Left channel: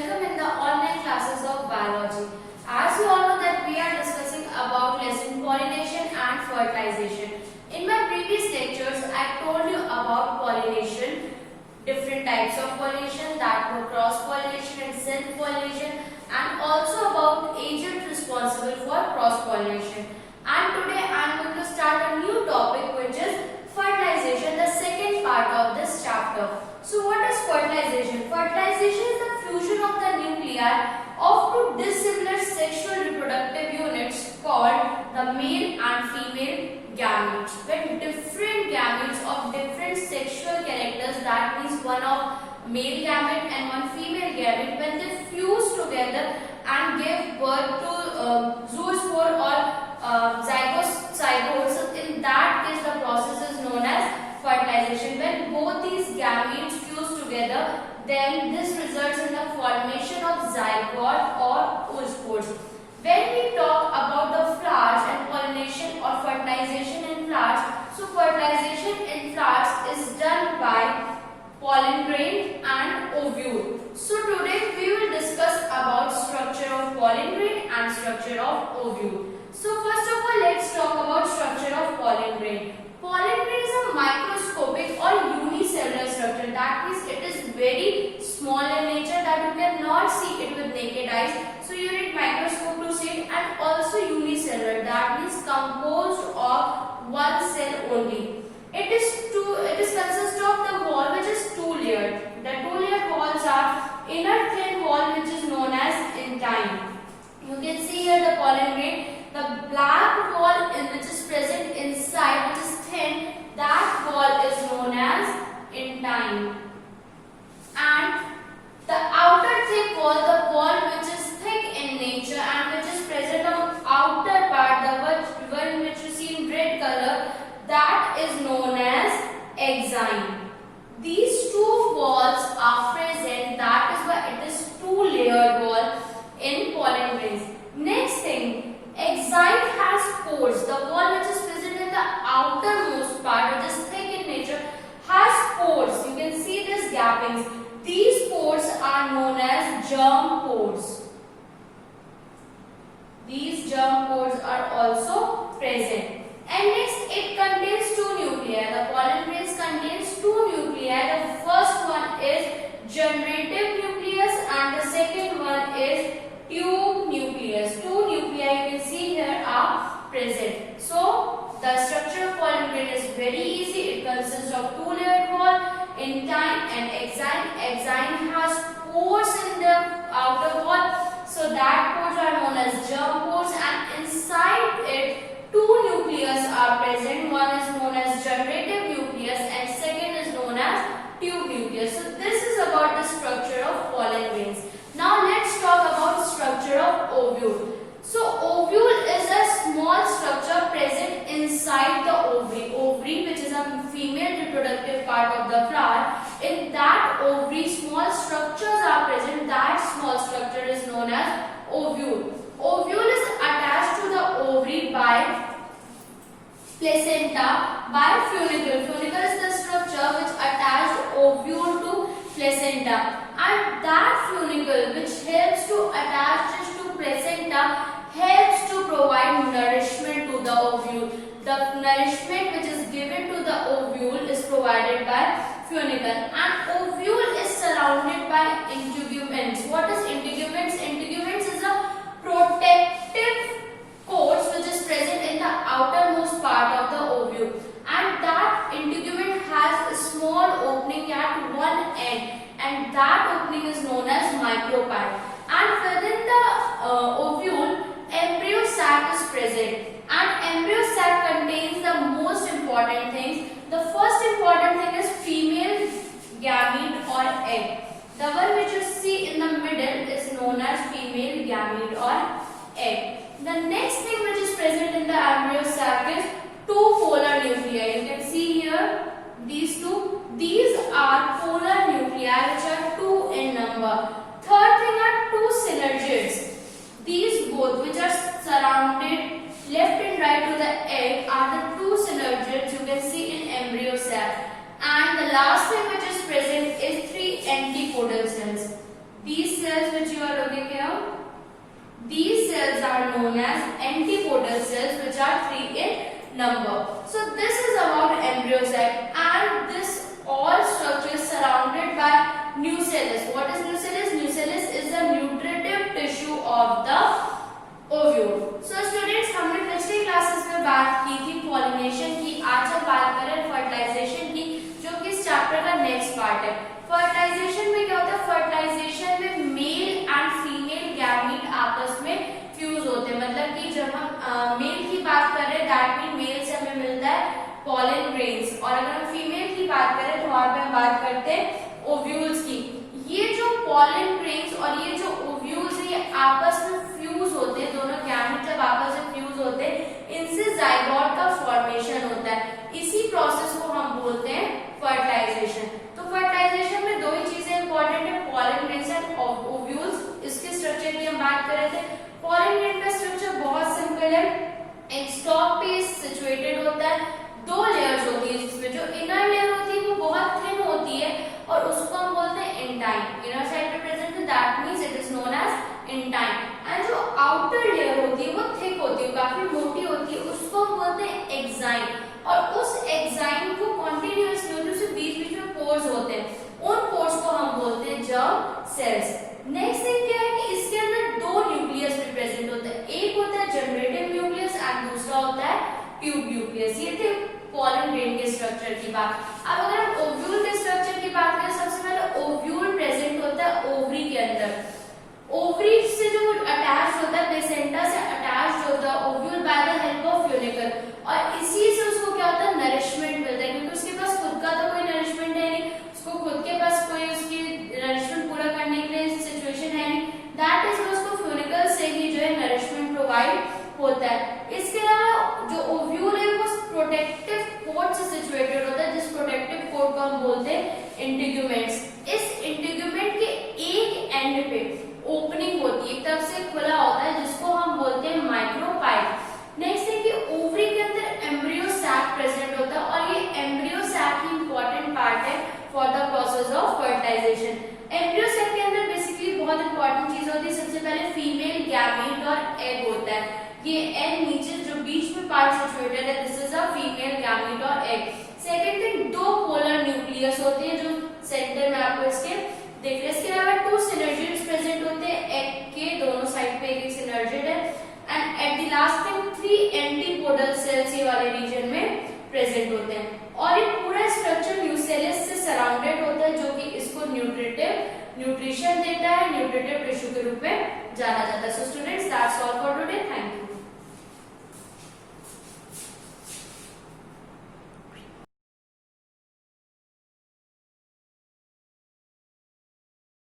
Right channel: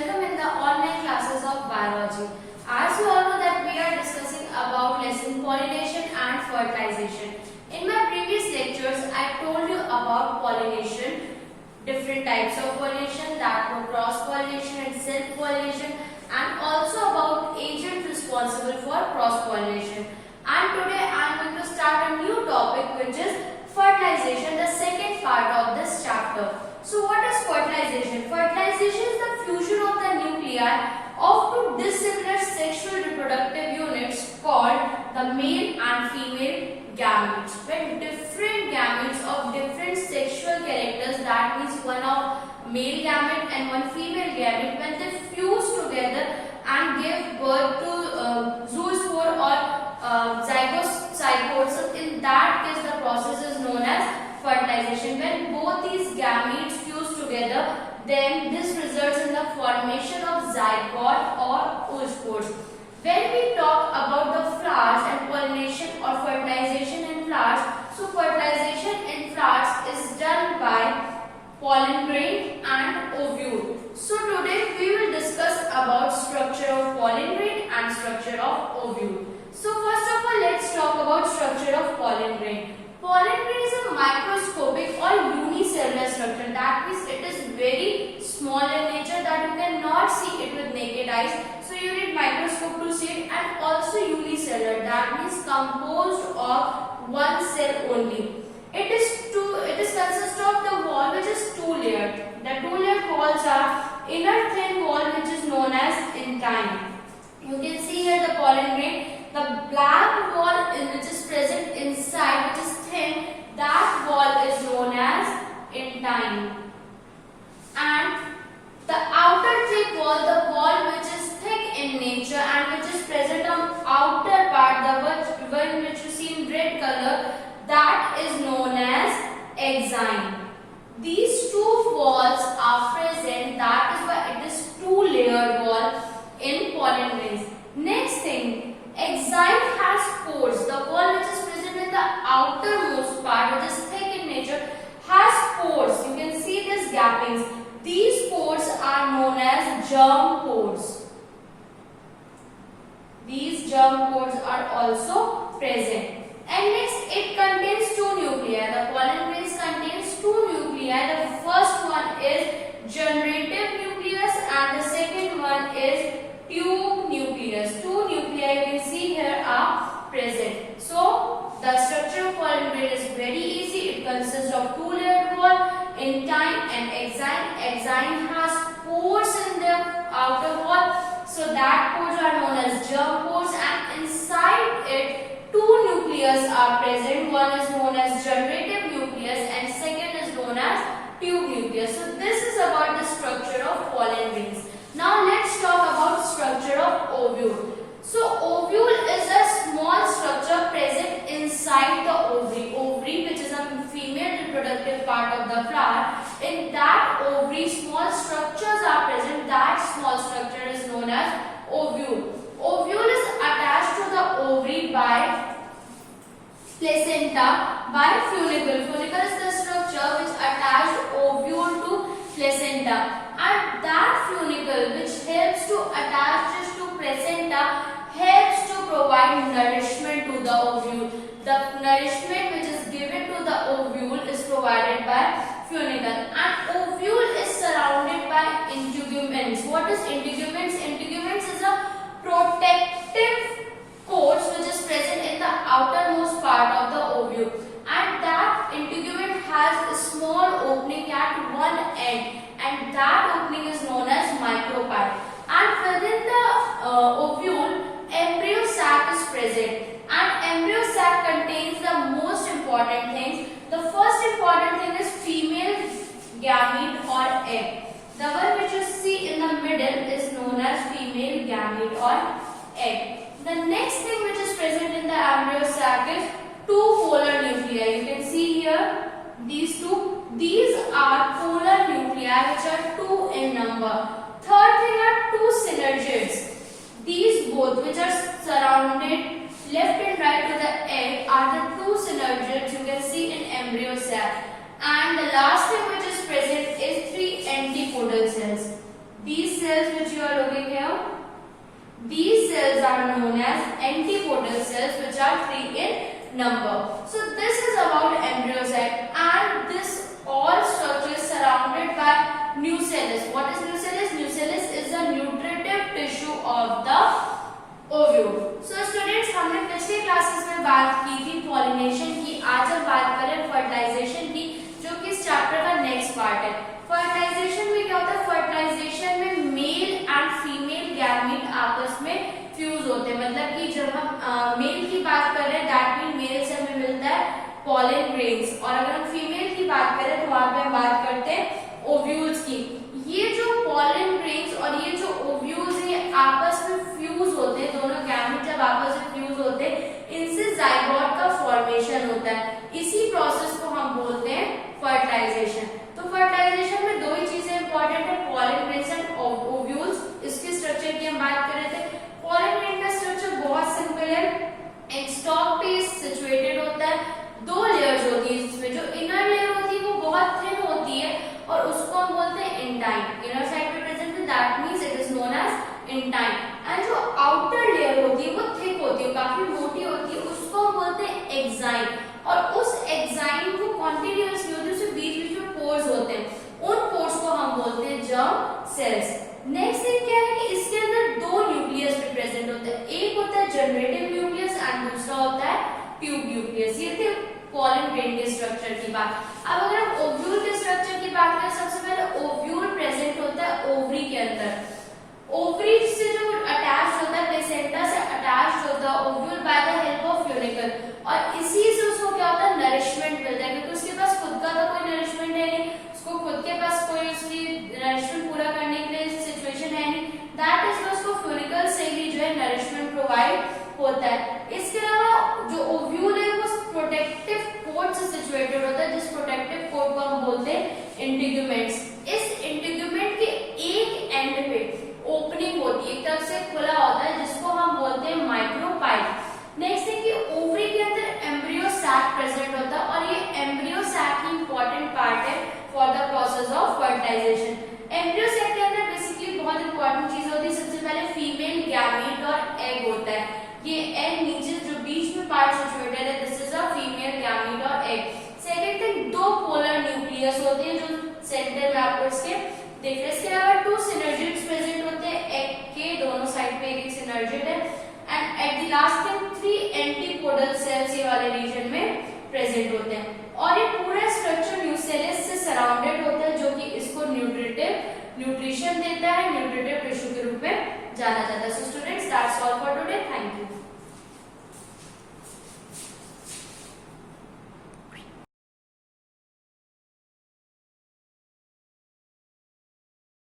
welcome in the online classes of biology. As you all know that we are discussing about lesson pollination and fertilization. In my previous lectures, I told you about pollination, different types of pollination, that were cross-pollination and self-pollination, and also about agents responsible for cross-pollination. And today I am going to start a new topic, which is fertilization, the second part of this chapter. So what is fertilization? Fertilization is the fusion of the nuclei of two dissimilar sexual reproductive units called the male and female gametes. When different gametes of different sexual characters, that means one of male gamete and one female gamete, when they fuse together and give birth to zoospore or zygote. So in that case, the process is known as fertilization. When both these gametes fuse together, then this results in the formation of zygote or oospores. When we talk about the flowers and pollination or fertilization in flowers, so fertilization in flowers is done by pollen grain and ovule. So today we will discuss about structure of pollen grain and structure of ovule. So first of all, let's talk about structure of pollen grain. Pollen grain is a microscopic or unicellular structure. That means it is very small in nature that you cannot see it with naked eyes. So you need microscope to see it, and also unicellular. That means composed of one cell only. It is consist of the wall which is two-layered. The two-layered walls are inner thin wall which is known as intine. You can see here the pollen grain. The black wall which is present inside, which is thin, that wall is known as intine. And the outer thick wall, the wall which is thick in nature and which is present on outer part, the one which you see in red color, that is known as exine. These two walls are present, that is why it is two-layered wall in pollen grains. Next thing, exine has pores. The wall which is present in the outermost part, which is thick in nature, has pores. You can see these gappings. These pores are known as germ pores. These germ pores are also present. And next, it contains two nuclei. The pollen grains contains two nuclei. The first one is generative nucleus and the second one is tube nucleus. Two nuclei you can see here are present. So the structure of pollen grain is very easy. It consists of two-layered wall, intine and exine. Exine has pores in the outer wall, so that pores are known as germ pores, and inside it two nucleus are present. One is known as generative nucleus and second is known as tube nucleus. So this is about the structure of pollen grains. Now let's talk about structure of ovule. So ovule is a small structure present inside the ovary. Ovary, which is a female reproductive part of the flower. In that ovary, small structures are present. That small structure is known as ovule. Ovule is attached to the ovary by placenta by funicle. Funicle is the structure which attached ovule to placenta. And that funicle which helps to attach this to placenta helps to provide nourishment to the ovule. The nourishment which is given to the ovule is provided by funicle. And ovule is surrounded by integuments. What is integuments? Integuments is a protective coat which is present in the outermost part of the ovule. And that integument has a small opening at one end, and that opening is known as micropyle. And within the ovule, embryo sac is present, and embryo sac contains the most important things. The first important thing is female gamete or egg. The one which you see in the middle is known as female gamete or egg. The next thing which is present in the embryo sac is two polar nuclei. You can see here these two. These are polar nuclei which are two in number. Third thing are two synergids. These both which are surrounded left and right to the egg are the two synergids you can see in embryo sac. And the last thing which is present is three antipodal cells. these cells which you are looking here, these cells are known as antipodal cells, which are 3 in number. So this is about embryosac, and this all structure is surrounded by nucellus. What is nucellus? Nucellus is the nutritive tissue of the ovule. So students, हमने पिछले classes में बात की थी pollination की, आज हम बात करें फर्टिलाइजेशन की, जो कि इस चैप्टर का नेक्स्ट पार्ट है। फर्टिलाइजेशन में क्या होता है? फर्टिलाइजेशन में मेल एंड फीमेल गैमीट आपस में फ्यूज होते हैं, मतलब कि जब हम मेल की बात कर रहे हैं दैट मीन मेल से हमें मिलता है पॉलन ग्रेन्स, और अगर हम फीमेल की बात करें तो वहां पे हम बात करते हैं ओव्यूल्स की। ये जो पॉलन ग्रेन्स और ये जो ओव्यूल्स है ये आपस में फ्यूज होते हैं, दोनों गैमीट जब आपस में फ्यूज होते हैं इनसे जाइगोट का फॉर्मेशन होता है। इसी प्रोसेस को हम बोलते हैं फर्टिलाइजेशन। तो फर्टिलाइजेशन में दो ही चीजें इंपॉर्टेंट है, पॉलन ग्रेन्स एंड ओव्यूल्स। इसके स्ट्रक्चर की हम बात कर रहे थे। पॉलन ग्रेन का स्ट्रक्चर बहुत सिंपल है, एक स्टॉक पे सिचुएटेड होता है, दो लेयर्स होती है जिसमें जो इनर लेयर होती है वो बहुत थिन होती है और उसको हम बोलते हैं इंटाइन। इनर साइड पे प्रेजेंट है that means it is known as intine, and जो आउटर लेयर होती है वो थिक होती है, काफी मोटी होती है, उसको हम बोलते हैं एक्साइन। और उस एक्साइन को कॉन्टिन्यूअस नहीं होती, उसके बीच बीच में पोर्स होते हैं, उन पोर्स को हम बोलते हैं जर्म सेल्स। नेक्स्ट थिंग क्या है कि इसके अंदर दो न्यूक्लियस भी प्रेजेंट होता है, एक होता है जनरेटिव न्यूक्लियस एंड दूसरा होता है ट्यूब न्यूक्लियस। ये थे पॉलन ग्रेन के स्ट्रक्चर की बात। अब अगर हम ओव्यूल के स्ट्रक्चर की बात करें, सबसे पहले ओव्यूल प्रेजेंट होता है ओवरी के अंदर। ओवरी से जो अटैच होता है, प्लेसेंटा से अटैच होता है ovule by the help of funicle, और इसी से उसको क्या होता है नरिशमेंट मिलता है, क्योंकि उसके पास खुद का तो कोई नरिशमेंट है नहीं, उसको खुद के पास कोई उसकी नरिशमेंट पूरा करने के लिए सिचुएशन है नहीं, दैट इज उसको फ्यूनिकल से ही जो है नरिशमेंट प्रोवाइड होता है। इसके अलावा जो ओव्यूल है वो प्रोटेक्टिव कोट से सिचुएटेड होता है, जिस प्रोटेक्टिव कोट को हम बोलते हैं इंटीग्यूमेंट्स। इस इंटीग्यूमेंट के एक एंड पे ओपनिंग होती है, एक तरफ से खुला होता है, जिसको हम बोलते हैं माइक्रोपाइल। नेक्स्ट है कि ओवरी के अंदर एम्ब्रियो सैक प्रेजेंट होता है, और ये एम्ब्रियो सैक ही इंपॉर्टेंट पार्ट है for the process of fertilization. Embryo sac के अंदर बेसिकली बहुत इंपॉर्टेंट चीज होती है, सबसे पहले फीमेल गैमीट और एग होता है। ये एग नीचे जो बीच में पार्ट सिचुएटेड है, this is a female gamete और एग। सेकंड थिंग, दो पोलर न्यूक्लियस होते हैं जो सेंटर में आपको इसके देख रहे हैं। इसके अलावा टू सिनर्जिड्स प्रेजेंट होते हैं, एग के दोनों साइड पे एक सिनर्जिड है, and at the last thing 3 antipodal cells ये वाले रीजन में प्रेजेंट होते हैं। और ये पूरा स्ट्रक्चर न्यूसेलस से सराउंडेड होता है, जो कि इसको न्यूट्रिशन देता है, न्यूट्रिटिव टिश्यू के रूप में जाना जाता है। So students, that's all for today, thank you.